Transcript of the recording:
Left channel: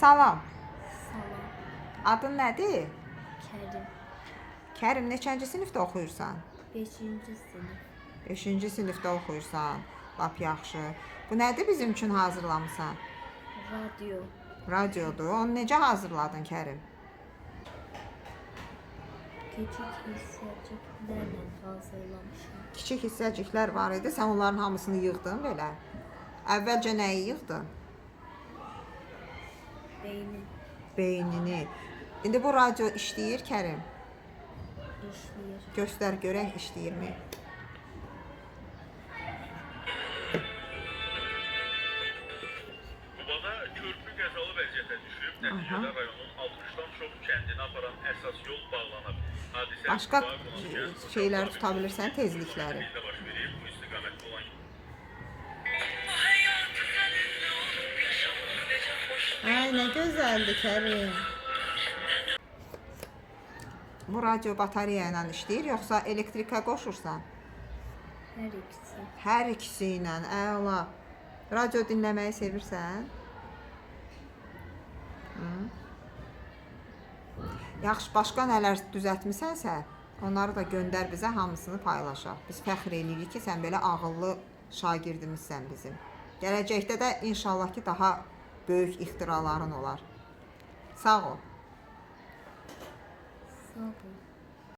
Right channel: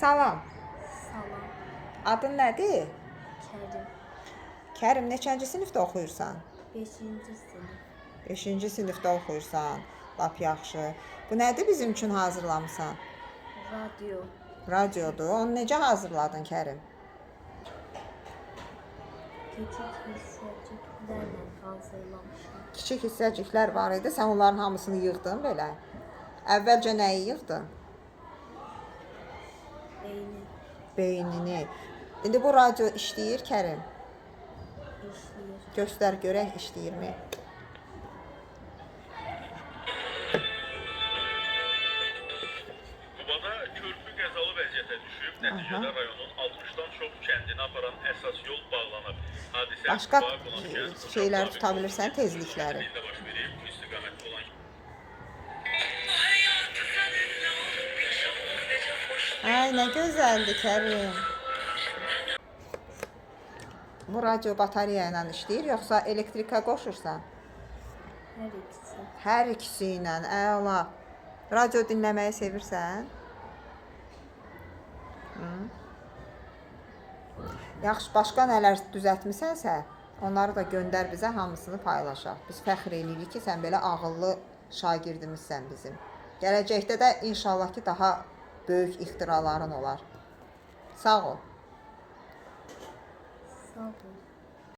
Salam. Salam. Adın nədir? Kərim. Kərim, neçənci sinifdə oxuyursan? 5-ci sinif. 5-ci sinifdə oxuyursan. Lap yaxşı. Bu nədir bizim üçün hazırlamısan? Radio. Radiodur. Onu necə hazırladın Kərim? Küçük hissəciklərlə hazırlamışam. Kiçik hissəciklər var idi. Sən onların hamısını yığdın belə. Əvvəlcə nəyi yığdın? Beyni Beynini. İndi bu radio işləyir Kərim. işləyir. Göstər görək işləyirmi? Qubada körpü qəzalı vəziyyətə düşüb, nəticədə rayonun 60-dan çox kəndini aparan əsas yol bağlanıb. Hadisə Başqa Quba qonaq şeylər tuta bilirsən, tezlikləri. ildə baş verib. Bu istiqamətdə olan Ay, nə gözəldir Kərim. Bu radio batareya ilə işləyir, yoxsa elektrikə qoşursan? Hər ikisi. Hər ikisi ilə, əla. Radio dinləməyi sevirsən? Hı? Yaxşı, başqa nələr düzəltmisənsə, onları da göndər bizə, hamısını paylaşaq. Biz fəxr eləyirik ki, sən belə ağıllı şagirdimizsən bizim. Gələcəkdə də inşallah ki, daha böyük ixtiraların olar. Sağ ol. Sağ ol.